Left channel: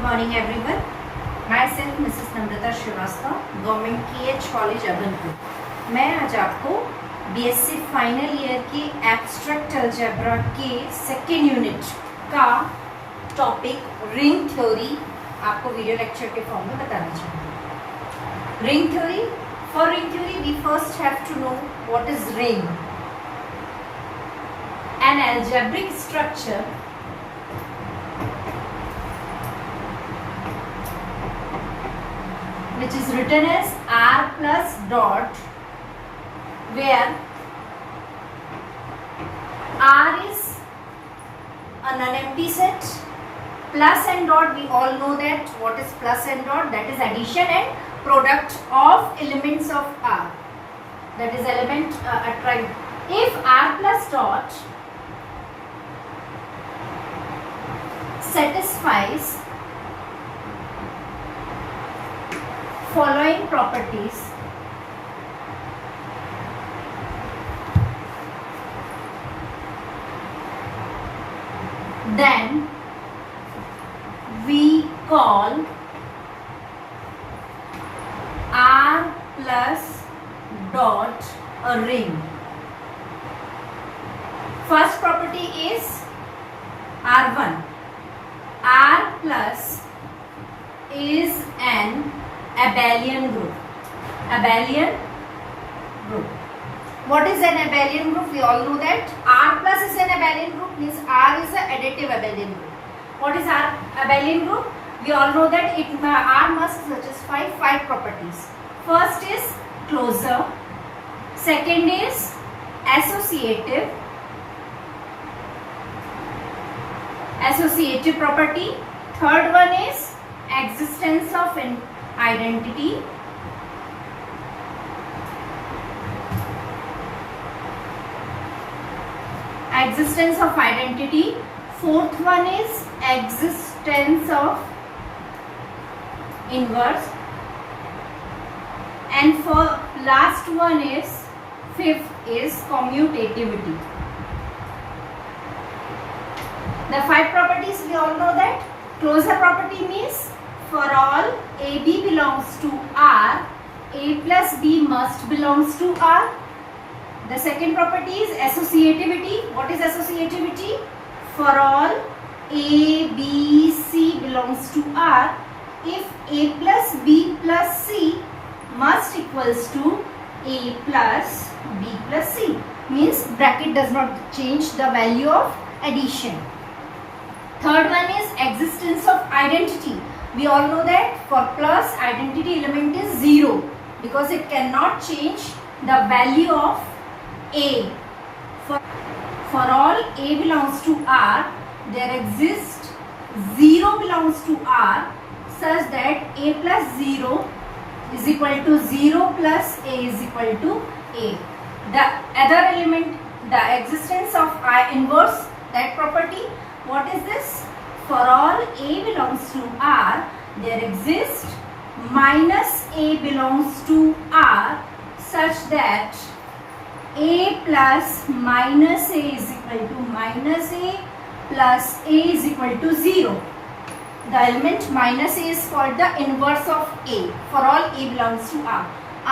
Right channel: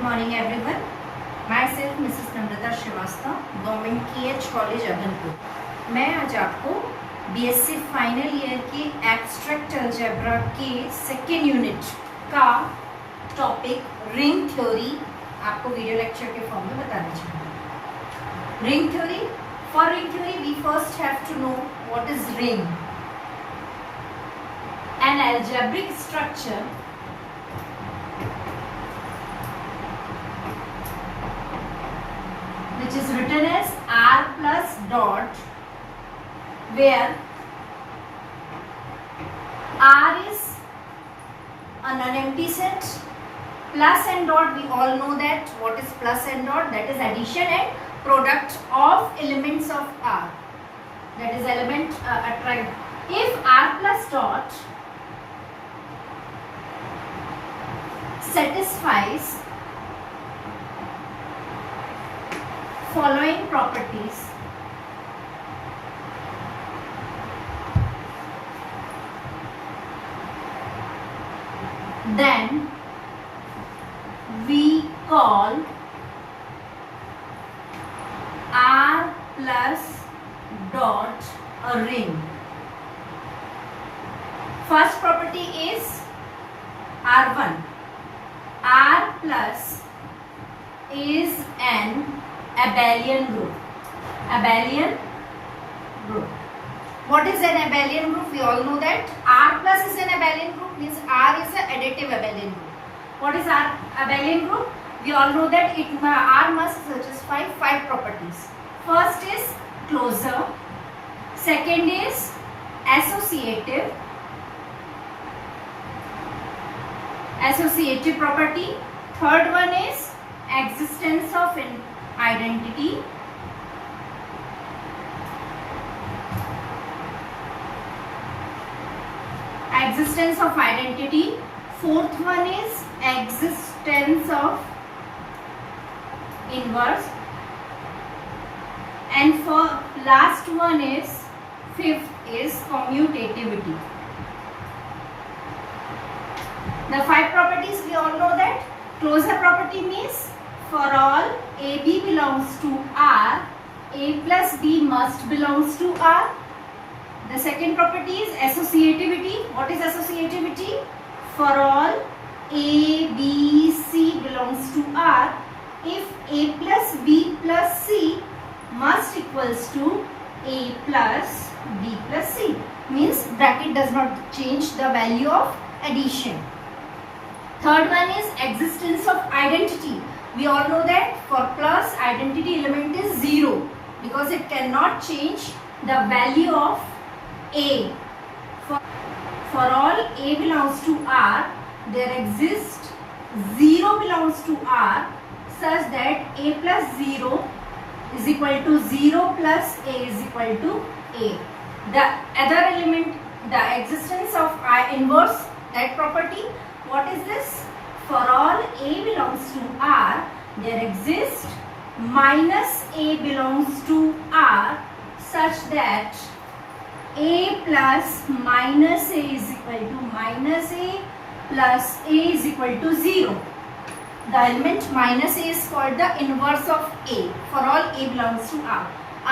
Good morning everyone. Myself Mrs. Namrata Srivastava, government KH college Abhanpur. मैं आज आपको BSc final year के abstract algebra के सेकेंड यूनिट का टॉपिक रिंग थ्योरी आपको वीडियो लेक्चर के फॉर्म में बताना चाहूँगी। Ring theory, for ring theory we first have to know what is ring. An algebraic structure which is written as r plus dot, where r is an empty set, plus and dot, we all know that what is plus and dot, that is addition and product of elements of r, that is element attract. If r plus dot satisfies following properties, then we call r plus dot a ring. First property is r1. R plus is an abelian group. Abelian group. What is an abelian group? We all know that R plus is an abelian group, means R is an additive abelian group. What is R abelian group? We all know that R must satisfy 5 properties. First is closure. Second is associative. Associative property. Third one is existence of an identity. Existence of identity. Fourth one is existence of inverse. And for last one is fifth is commutativity. The 5 properties we all know that. Closure property means for all AB belongs to R, A plus B must belongs to R. The second property is associativity. What is associativity? For all A, B, C belongs to R, if A plus B plus C must equals to A plus B plus C, means bracket does not change the value of addition. Third one is existence of identity. We all know that for plus identity element is 0 because it cannot change the value of A. For all A belongs to R, there exists 0 belongs to R such that A plus 0 is equal to 0 plus A is equal to A. The other element, the existence of I inverse, that property, what is this? For all A belongs to R, there exists minus A belongs to R such that A plus minus A is equal to minus A plus A is equal to 0. The element minus A is called the inverse of A. For all A belongs to R.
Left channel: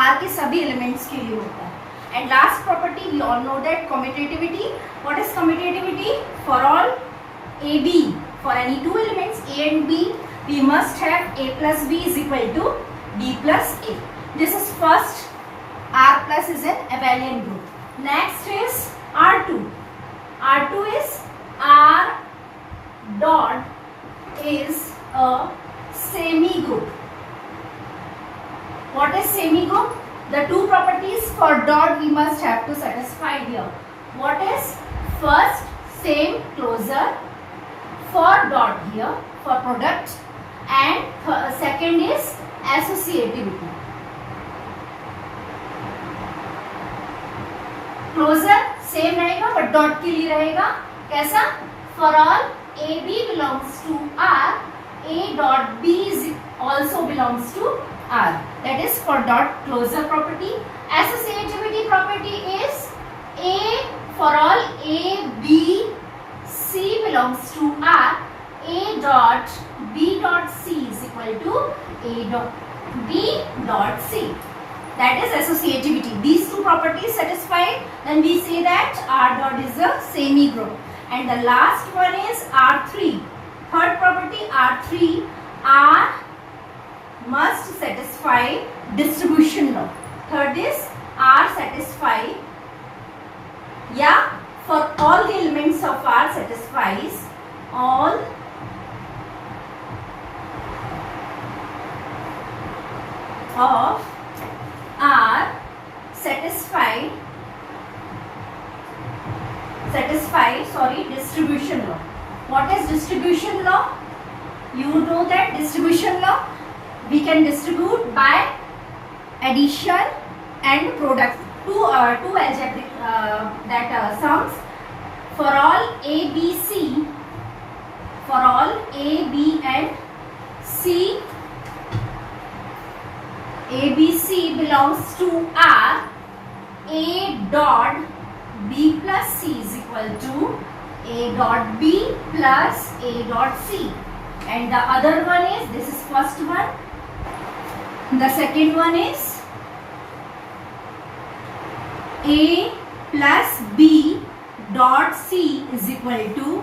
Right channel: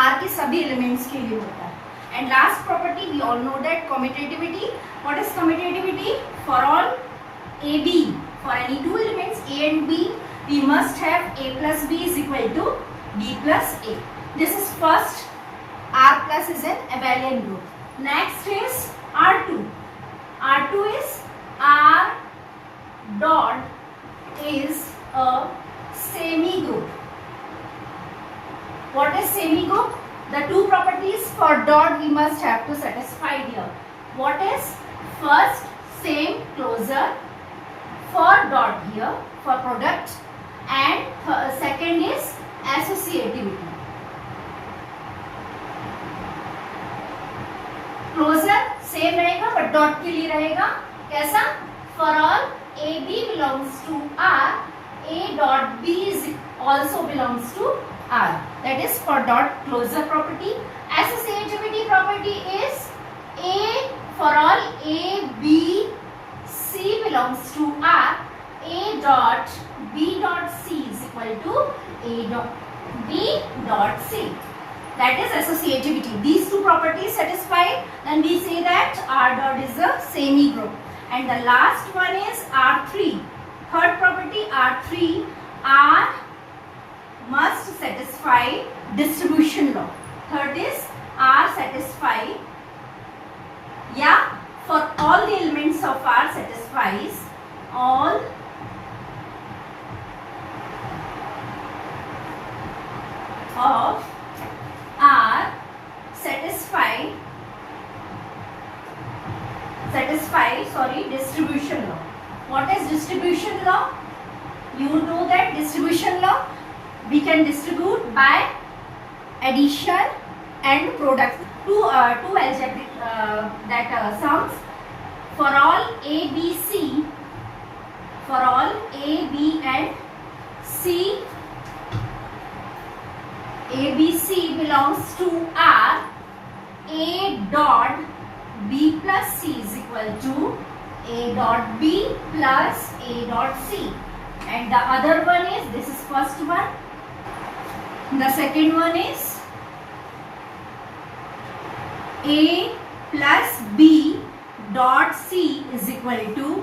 R के सभी elements के लिए होता है. And last property we all know that commutativity. What is commutativity? For all AB, for any 2 elements A and B, we must have A plus B is equal to B plus A. This is first. R plus is an abelian group. Next is R2. R2 is R dot is a semi group. What is semi group? The 2 properties for dot we must have to satisfy here. What is first? Same closure. For dot here, for product, and second is associativity. Closure same रहेगा but dot के लिए रहेगा कैसा? For all AB belongs to R, A dot B is also belongs to R. That is for dot closure property. Associativity property is A, for all A, B, C belongs to R, A dot B dot C is equal to A dot B dot C. That is associativity. These two properties satisfied, then we say that R dot is a semi-group. And the last one is R3. Third property R3, R must satisfy distribution law. Third is R satisfy, yeah, for all the elements of R satisfies all of R satisfy distribution law. What is distribution law? You know that distribution law, we can distribute by addition and product. Two algebraic sums for all A, B, C, for all A, B and C, A, B, C belongs to R, A dot B plus C is equal to A dot B plus A dot C. And the other one is, this is first one, the second one is A plus B dot C is equal to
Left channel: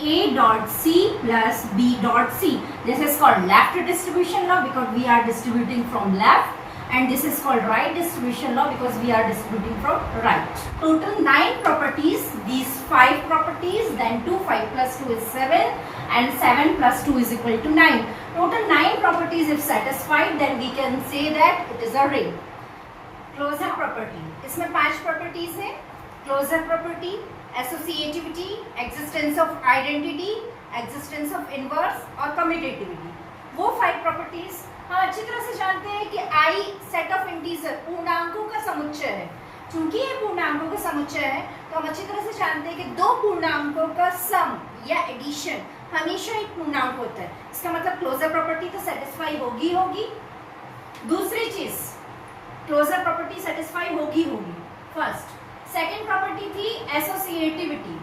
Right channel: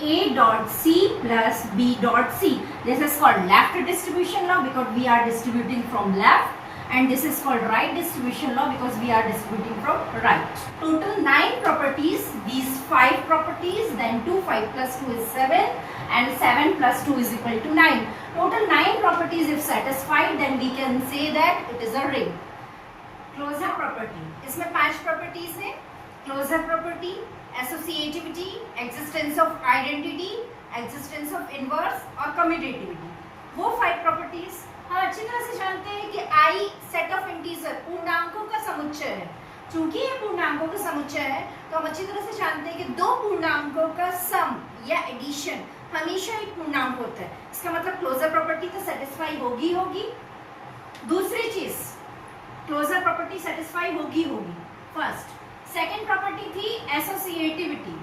A dot C plus B dot C. This is called left distribution law because we are distributing from left, and this is called right distribution law because we are distributing from right. Total 9 properties, these 5 properties, then 2, 5 plus 2 is 7 and 7 plus 2 is equal to 9. Total 9 properties if satisfied, then we can say that it is a ring. Closure property, इसमें 5 properties है. Closure property, associativity, existence of identity, existence of inverse और commutativity. वो 5 properties हम अच्छी तरह से जानते हैं कि आई सेट ऑफ इंटीजर, पूर्णांकों का समुच्चय है. चूंकि ये पूर्णांकों का समुच्चय है तो हम अच्छी तरह से जानते हैं कि दो पूर्णांकों का सम या एडिशन हमेशा एक पूर्णांक होता है. इसका मतलब क्लोजर प्रॉपर्टी तो सेटिस्फाई होगी. दूसरी चीज, क्लोजर प्रॉपर्टी सेटिस्फाई होगी. फर्स्ट. सेकंड प्रॉपर्टी थी एसोसिएटिविटी.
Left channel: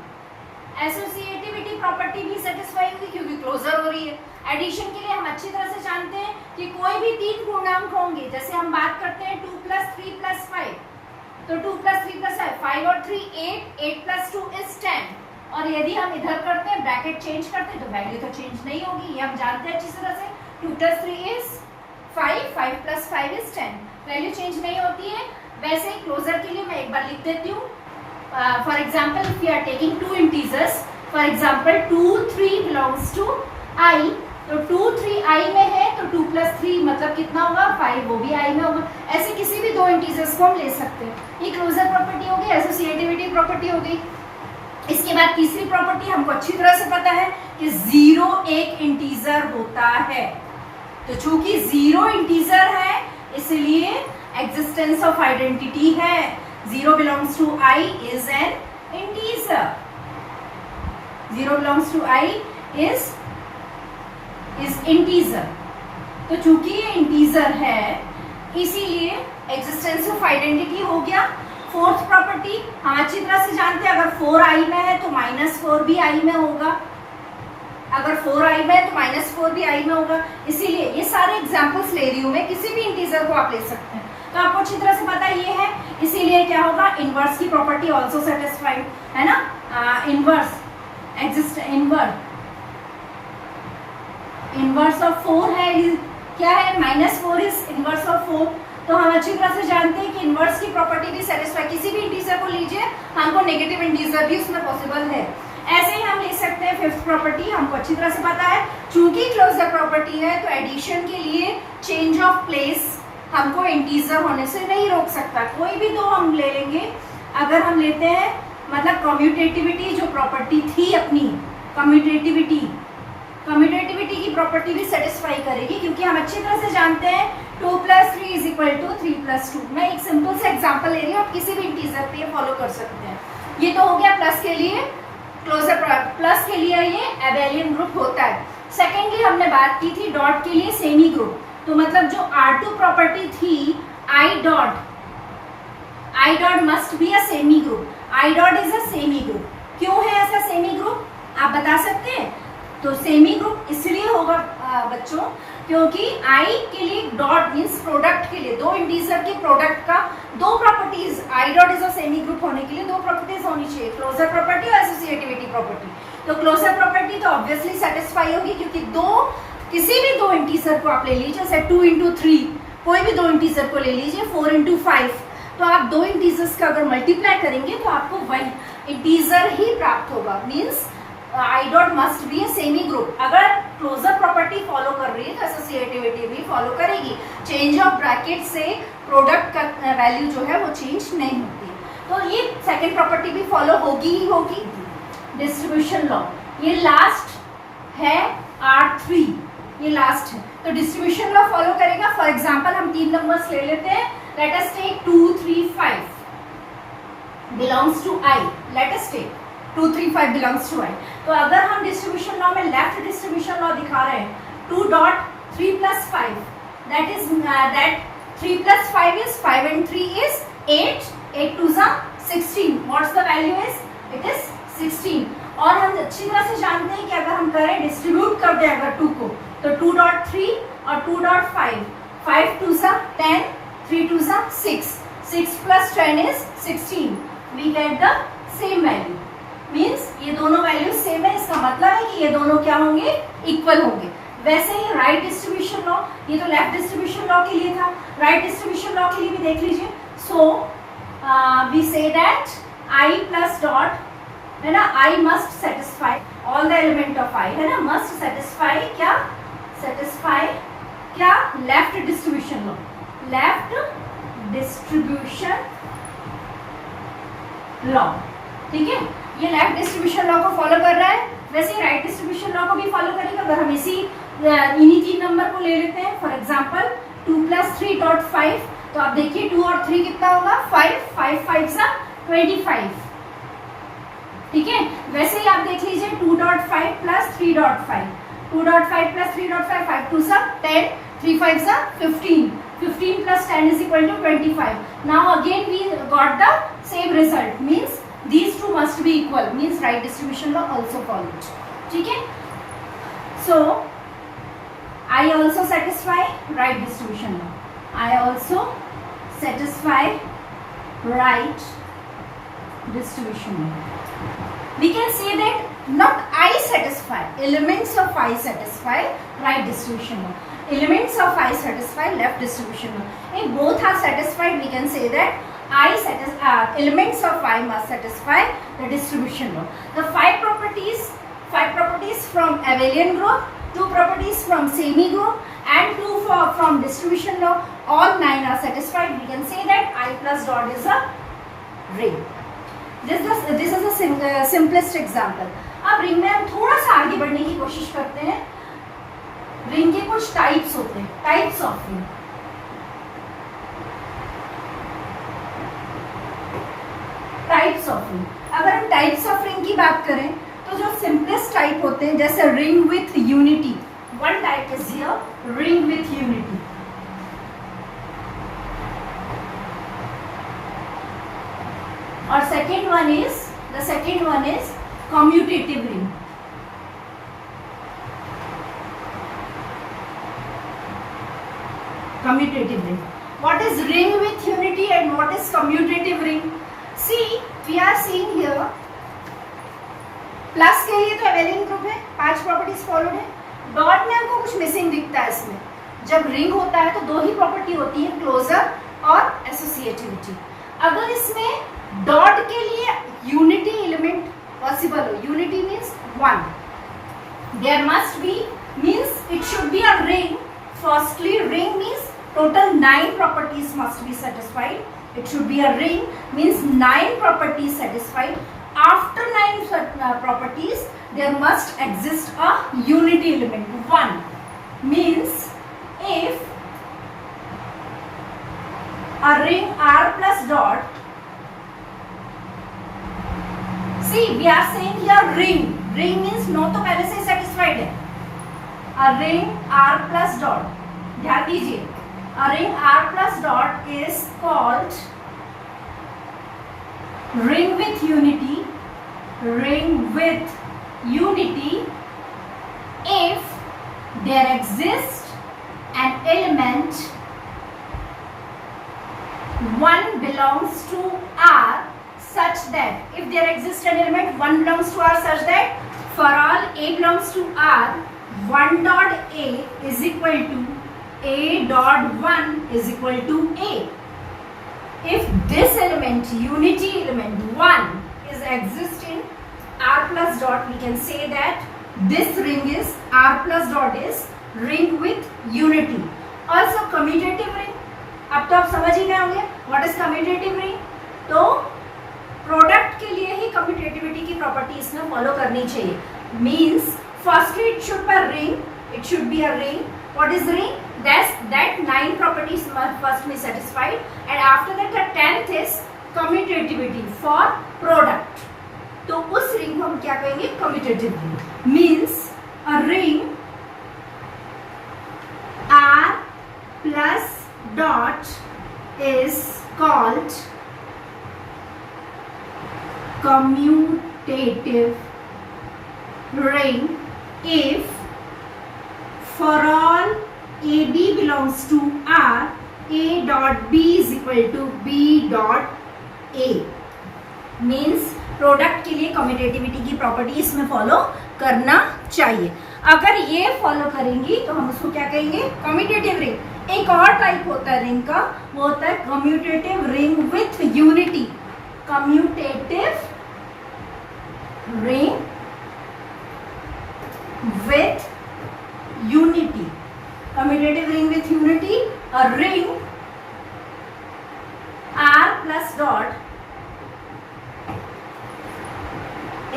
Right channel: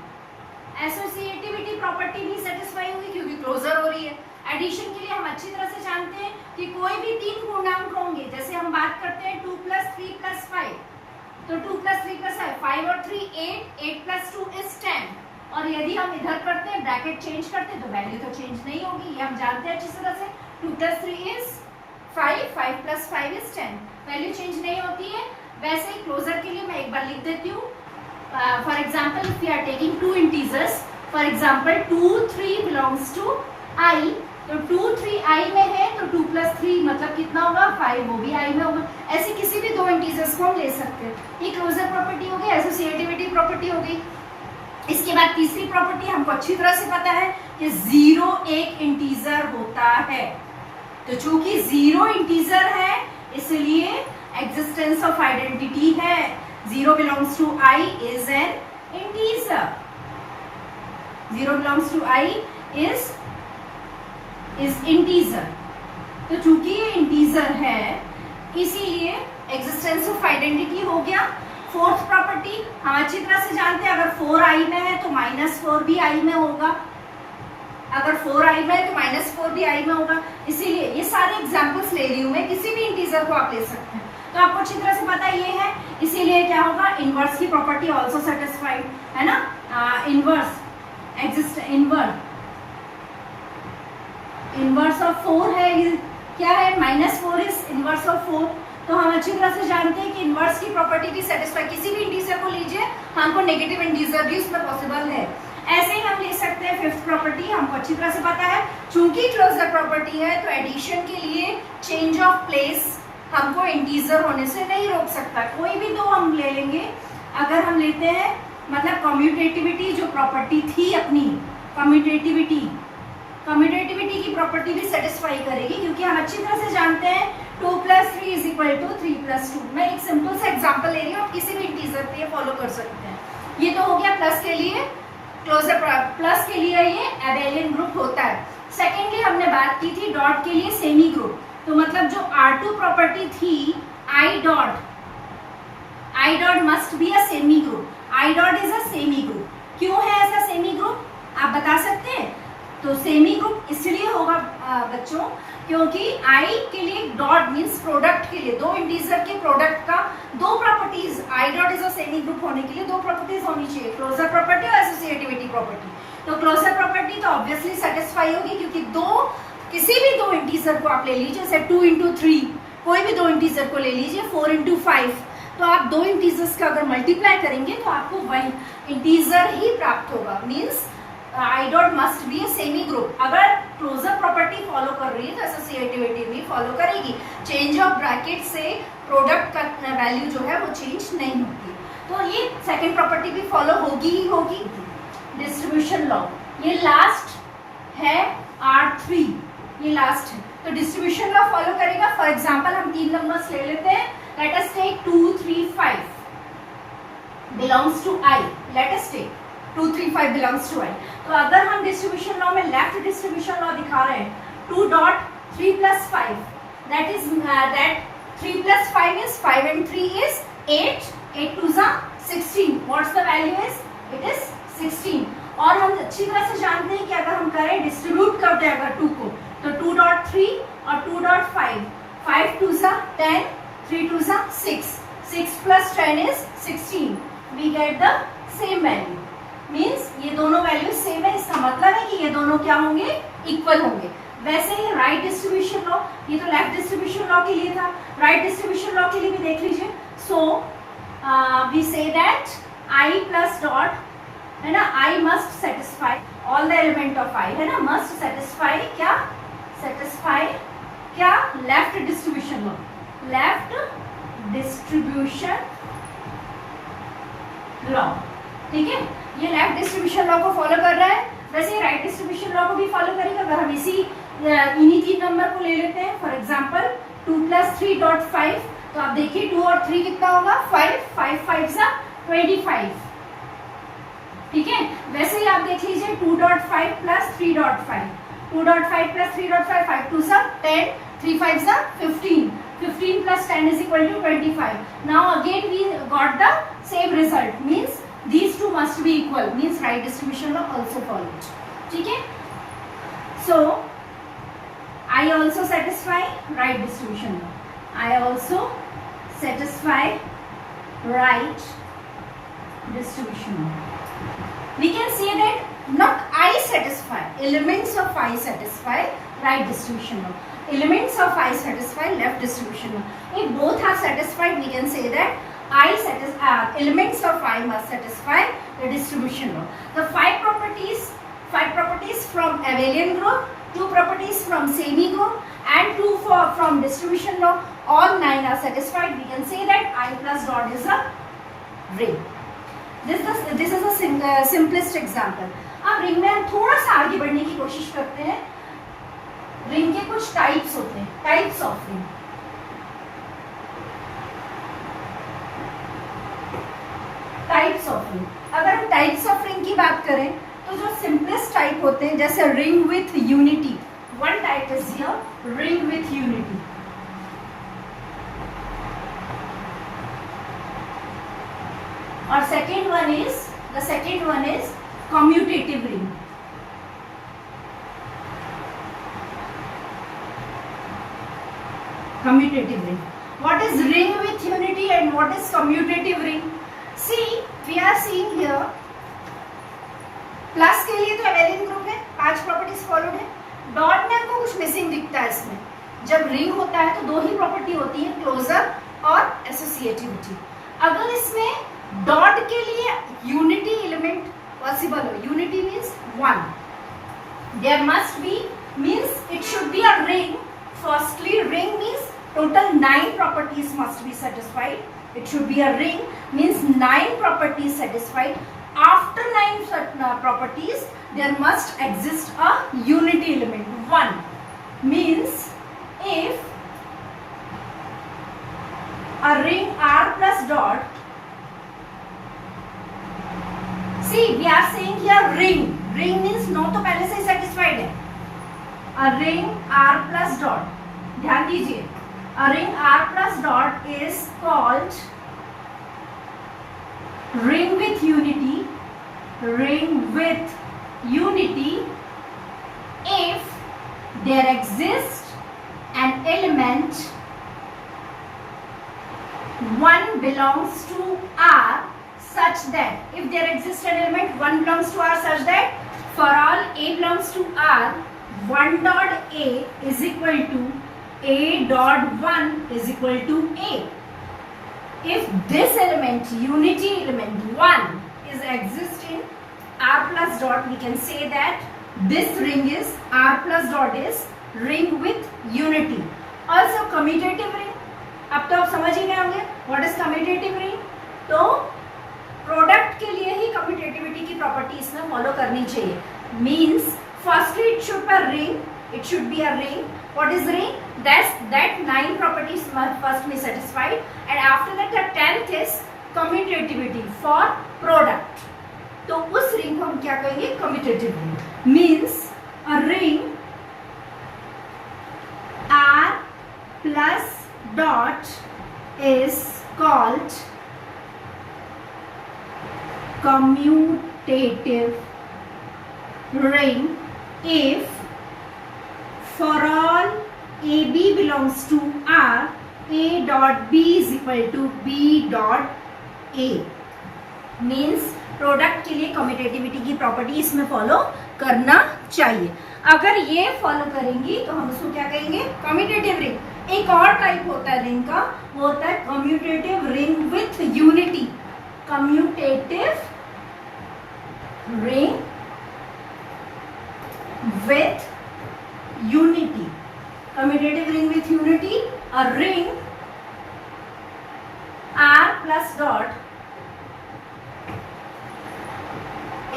एसोसिएटिविटी प्रॉपर्टी भी सेटिस्फाई होगी क्योंकि क्लोजर हो रही है. एडिशन के लिए हम अच्छी तरह से जानते हैं कि कोई भी 3 पूर्णांक होंगे. जैसे हम बात करते हैं 2 प्लस 3 प्लस 5, तो 2 प्लस 3 प्लस 5 और 3 8, 8 प्लस 2 इज 10. और यदि हम इधर करते हैं, ब्रैकेट चेंज करते हैं, तो वैल्यू तो चेंज नहीं होगी. ये हम जानते हैं अच्छी तरह से. 2 plus 3 is 5, 5 plus 5 is 10. Value change नहीं होती है. वैसे ही क्लोजर के लिए मैं एक बार लिख देती हूँ. For example if you are taking 2 integers, for example 2, 3 belongs to I, तो 2, 3 आई में है तो 2 प्लस 3 मतलब कितना होगा 5, वो भी आई में होगा. ऐसे किसी भी 2 इंटीजर्स को हम ले सकते हैं. ये क्लोजर प्रॉपर्टी होगी, एसोसिएटिविटी प्रॉपर्टी होगी. इसके बाद तीसरी प्रॉपर्टी हमको अच्छी तरह से पता है कि 0 एक इंटीजर होता है. तो चूंकि 0 इंटीजर है इसलिए एग्जिस्टेंस ऑफ आइडेंटिटी है. 0 belongs to I is an integer. 0 belongs to I is integer. तो चूंकि ये इंटीजर है इसीलिए एग्जिस्टेंस ऑफ आइडेंटिटी हो गया. फोर्थ प्रॉपर्टी हम अच्छी तरह से जानते हैं, अगर 4 आई में है तो -4 भी आई में होगा. अगर 4 आई में है तो -4 भी आई में होगा. इसीलिए ये सारे एग्जांपल्स ले रही हूं मैं, किसी भी इंटीजर को आप ले सकते हैं. तो आपको अच्छी तरह से पता ये है. इसीलिए क्या होगा, इनवर्स की प्रॉपर्टी ऑल्सो सेटिस्फाइड है ना. इनवर्स इनवर्स ऑफ 4 है. क्या है, -4 इज इनवर्स ऑफ 4. तो हम अच्छी तरह से जानते हैं कि इनवर्स की प्रॉपर्टी भी सेटिस्फाई. किसी भी इंटीजर को लीजिए, हमको नेगेटिव इंटीजर भी उसमें पॉसिबल है. ऐसे ही हम ले सकते हैं फिफ्थ प्रॉपर्टी. हमको अच्छी तरह से पता है चूंकि क्लोजर प्रॉपर्टी है तो एडिशन के लिए चेंज ऑफ प्लेस हमको इंटीजर होने से नहीं रोक सकता. कोई भी 2 हम ले लेंगे. अगर हम लेते हैं मतलब कम्यूटेटिविटी जो प्रॉपर्टी थी अपनी, कम्यूटेटिविटी की प्रॉपर्टी भी सेटिस्फाई करेगी क्योंकि हम अच्छी तरह से जानते हैं 2 plus 3 is equal to 3 plus 2. मैं एक सिंपल सा एग्जांपल ले रही हूँ, आप किसी भी इंटीजर पे फॉलो कर सकते हैं. ये तो हो गया प्लस के लिए. क्लोजर प्लस के लिए ये एबेलियन ग्रुप होता है. सेकेंडली हमने बात की थी डॉट के लिए सेमी ग्रुप. तो मतलब जो R2 प्रॉपर्टी थी I dot must be a semi group. I dot is a semi group. क्यों है ऐसा सेमी ग्रुप आप बता सकते हैं? तो सेमी ग्रुप इसलिए होगा बच्चों क्योंकि i के लिए डॉट मीन्स प्रोडक्ट के लिए, दो इंटीजर के प्रोडक्ट का दो properties, I dot is a semi group होने के लिए दो प्रॉपर्टीज होनी चाहिए, क्लोजर प्रॉपर्टी और एसोसिएटिविटी प्रॉपर्टी। तो क्लोजर प्रॉपर्टी तो ऑब्वियसली सेटिस्फाई होगी क्योंकि किसी भी दो इंटीजर को आप ले लीजिए, जैसे 2 into 3, कोई भी दो इंटीजर को ले लीजिए, 4 into 5, तो आप दो इंटीजर्स का अगर मल्टीप्लाई करेंगे तो आपको वही इंटीजर ही प्राप्त होगा। Means I dot must be a semi group. अगर क्लोजर प्रॉपर्टी फॉलो कर रही है तो एसोसिएटिविटी भी फॉलो करेगी। चेंज ऑफ ब्रैकेट से प्रोडक्ट का वैल्यू जो है वो चेंज नहीं होती, तो ये सेकेंड प्रॉपर्टी भी फॉलो होगी ही होगी। डिस्ट्रीब्यूशन लॉ, ये लास्ट है R3, ये लास्ट है, तो डिस्ट्रीब्यूशन लॉ फॉलो करेगा। फॉर एग्जाम्पल हम 3 नंबर्स ले लेते हैं। Let us take 2, 3, 5 belongs to I। Let us take 2, 3, 5 belongs to I। तो अगर हम डिस्ट्रीब्यूशन लॉ में लेफ्ट डिस्ट्रीब्यूशन लॉ दिखा रहे हैं 2.3 + 5, that is that 3 + 5 is 5 and 3 is 8, 8 2 is 16, what's the value is, it is 16। और हम अच्छी तरह से जानते हैं कि अगर हम करें डिस्ट्रीब्यूट कर दें अगर 2 को, तो 2.3 और 2.5, 5 2 is 10, 3 2 is 6, 6 + 10 is 16, we get the same value। Means ये दोनों वैल्यूज सेम है, इसका मतलब है कि ये दोनों क्या होंगे, इक्वल होंगे। वैसे ही राइट डिस्ट्रीब्यूशन लॉ, ये तो लेफ्ट डिस्ट्रीब्यूशन लॉ के लिए था, राइट डिस्ट्रीब्यूशन लॉ के लिए भी देख लीजिए। So we say that I plus dot है ना, I must satisfy all the element of I है ना, मस्ट सेटिस्फाई क्या, सेटिस्फाई क्या, left distribution law, left distribution law, ठीक है। ये लेफ्ट डिस्ट्रीब्यूशन लॉ को फॉलो कर रहा है, वैसे राइट डिस्ट्रीब्यूशन लॉ को भी फॉलो करेगा। अगर हम इन्हीं 3 नंबर को ले लेते हैं, फॉर एग्जांपल 2 + 3.5, तो आप देखिए 2 और 3 कितना होगा, 5, 5 5 25, ठीक है। वैसे ही आप देख लीजिए 2.5 + 3.5, 2.5 + 3.5, 5 2 10, 3 5 15, 15 + 10 is equal to 25। Now again we got the same result, means these two must be equal, means right distribution law also followed, ठीक है। So I also satisfy right distribution law, I also satisfy right distribution law। We can say that not I satisfy, elements of I satisfy right distribution law, elements of I satisfy left distribution law। If both are satisfied, we can say that elements of I must satisfy the distribution law। The five properties from abelian group, 2 properties from semi group, and 2 from distribution law, all 9 are satisfied। We can say that I plus dot is a ring। This is a simplest example। अब ring में हम थोड़ा सा आगे बढ़ने की कोशिश करते हैं। रिंग के कुछ टाइप्स होते हैं, types of ring. Types of ring, अगर हम टाइप्स ऑफ रिंग की बात करें तो जो सिंपलेस्ट टाइप होते हैं, जैसे ring with unity, one type is here ring with unity. और second one is commutative ring. Commutative ring. What is ring with unity and what is commutative ring? See, we are seeing here plus के लिए तो abelian group है, 5 properties follow है। Dot में हमको कुछ missing दिखता है इसमें। जब रिंग होता है तो 2 ही प्रॉपर्टी होती है, क्लोजर और एसोसिएटिविटी। अगर इसमें डॉट के लिए यूनिटी एलिमेंट पॉसिबल हो, unity means 1, there must be, means it should be a ring. Firstly, ring means total 9 properties must be satisfied. It should be a ring, means 9 properties satisfied. After 9 properties, there must exist a unity element 1. Means if a ring R plus dot, see we are saying here ring. Ring means no तो पहले से satisfied है। A ring R plus dot, ध्यान दीजिए, a ring R plus dot is called ring with unity, ring with unity if there exists an element 1 belongs to R such that if there exists an element 1 belongs to R such that for all A belongs to R 1 dot A is equal to A dot 1 is equal to A. If this element, unity element 1 is exist in R plus dot, we can say that this ring is R plus dot is ring with unity. Also commutative ring. अब तो आप समझ ही गए होंगे what is commutative ring. तो product के लिए ही commutativity की प्रॉपर्टी इसमें फॉलो करनी चाहिए. Means firstly it should be a ring, it should be a ring. What is ring? That 9 properties must first be satisfied, and after that the 10th is commutativity for product. तो उस ring को हम क्या कहेंगे? Commutative ring. Means a ring R plus dot is called commutative ring if for all AB belongs to R, A dot B is equal to B dot A. Means product के लिए commutativity की property इसमें follow करना चाहिए. अगर ये follow करेंगी तो हम उसको क्या कहेंगे? Commutative ring. एक और टाइप होता है रिंग का, वो होता है commutative ring with unity. Commutative ring with unity. Commutative ring with unity, a ring R plus dot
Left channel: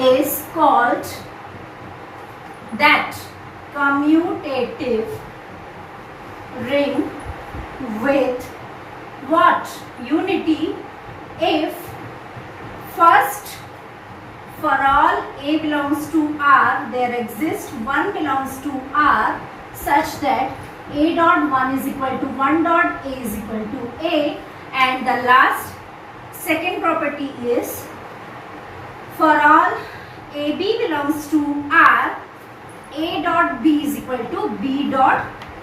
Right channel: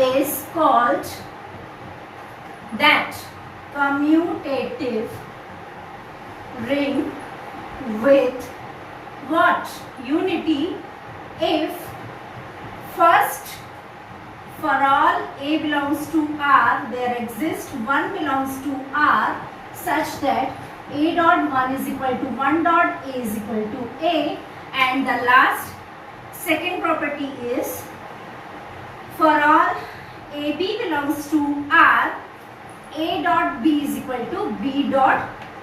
is called that commutative ring with what? Unity if first for all A belongs to R, there exists 1 belongs to R such that A dot 1 is equal to 1 dot A is equal to A, and the last second property is for all AB belongs to R, A dot B is equal to B dot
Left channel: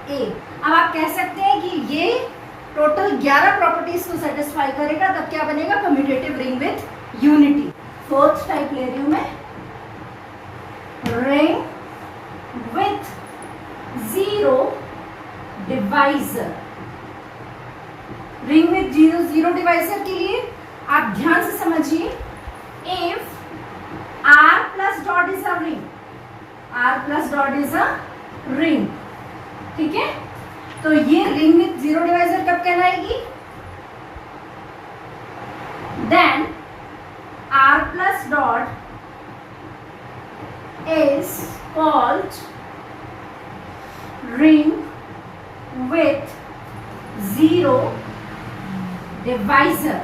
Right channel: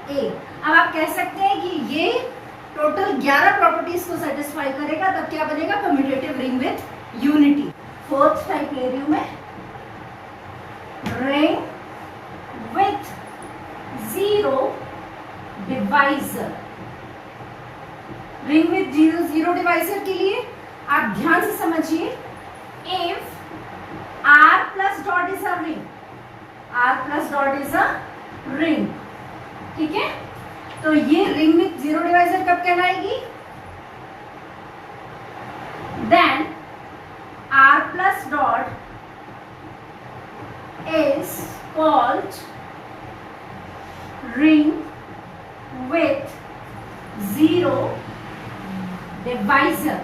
A. अब आप कह सकते हैं कि ये total 11 properties को satisfy करेगा, तब क्या बनेगा? Commutative ring with unity. Fourth type ले रही हूं मैं, ring with zero divisor. Ring with zero divisor के लिए आप ध्यान से समझिए. If R plus dot is a ring, R plus dot is a ring, ठीक है. तो ये रिंग विथ जीरो डिवाइजर कब कहलाएगी? Then R plus dot is called ring with zero divisor.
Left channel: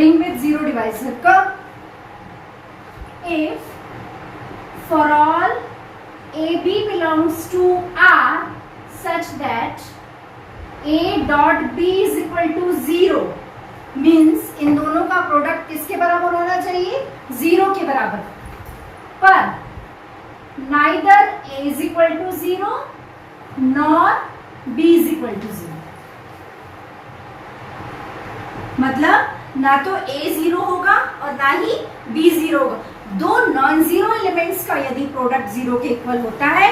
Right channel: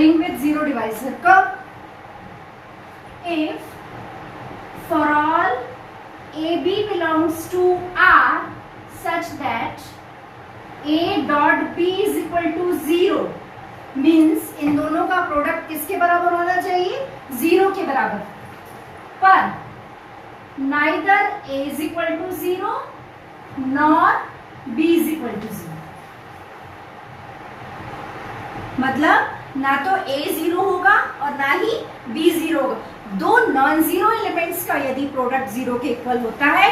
Ring with zero divisor कब? If for all AB belongs to R such that A dot B is equal to 0. Means in दोनों का product किसके बराबर होना चाहिए? 0 के बराबर. पर neither A is equal to 0 nor B is equal to 0. मतलब ना तो A 0 होगा और ना ही B 0 होगा. दो नॉन जीरो एलिमेंट्स का यदि प्रोडक्ट 0 के इक्वल होता है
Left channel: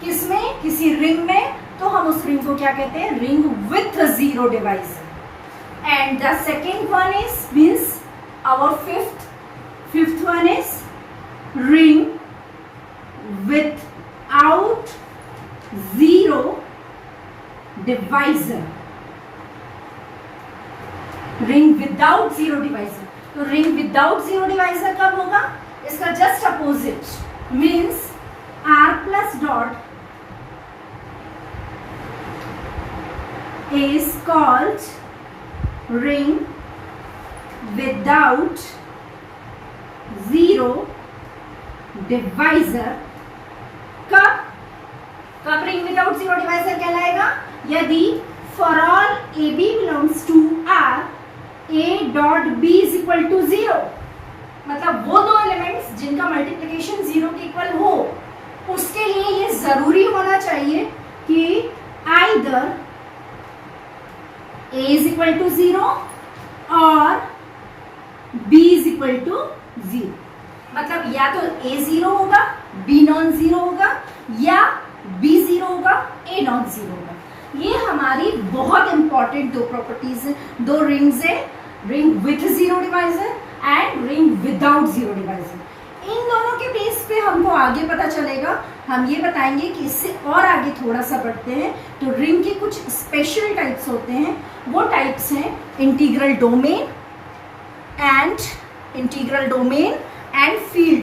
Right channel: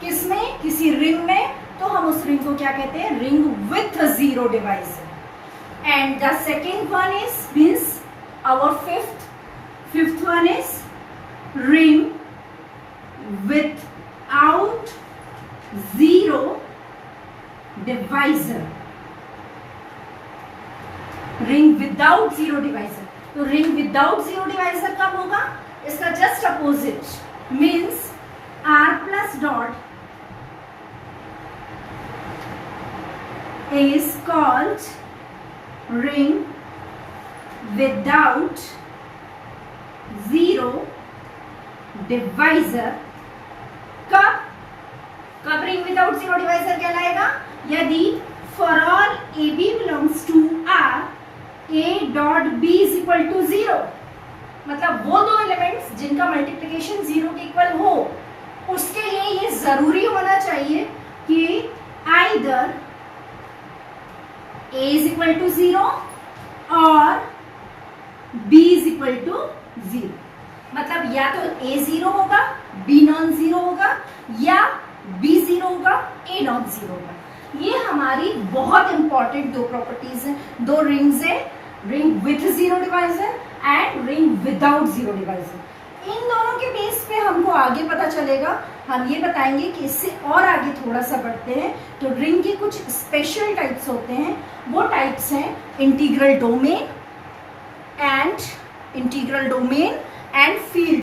किसमें? किसी रिंग में, तो हम उस रिंग को क्या कहते हैं? Ring with zero divisor. And the second one is means our fifth one is ring without zero divisor. Ring without zero divisor. तो ring without zero divisor कब होगा? इसका just opposite means R plus dot is called ring without zero divisor. कब ring without zero divisor कहलाएगा? यदि for all AB belongs to R, A dot B is equal to 0. मतलब वो दो element elements जिनका मल्टीप्लिकेशन 0 के equal हो, उसके लिए ये जरूरी होना चाहिए कि either a is equal to 0 और b इज इक्वल टू 0। मतलब या तो a 0 होगा, b नॉन 0 होगा, या b 0 होगा, a नॉट 0 होगा। ये हमारी बहुत इंपॉर्टेंट दो प्रॉपर्टीज हैं, दो रिंग्स है, ring with 0 divisor and ring without 0 divisor. इन दोनों के बेस पे हमको आगे पता चलेगा। हम ये बताएंगे कि इससे और आगे थोड़ा सा बढ़ते हैं तो रिंग के कुछ स्पेशल टाइप्स होते हैं। वो टाइप्स हैं इंटीग्रल डोमेन एंड फील्ड।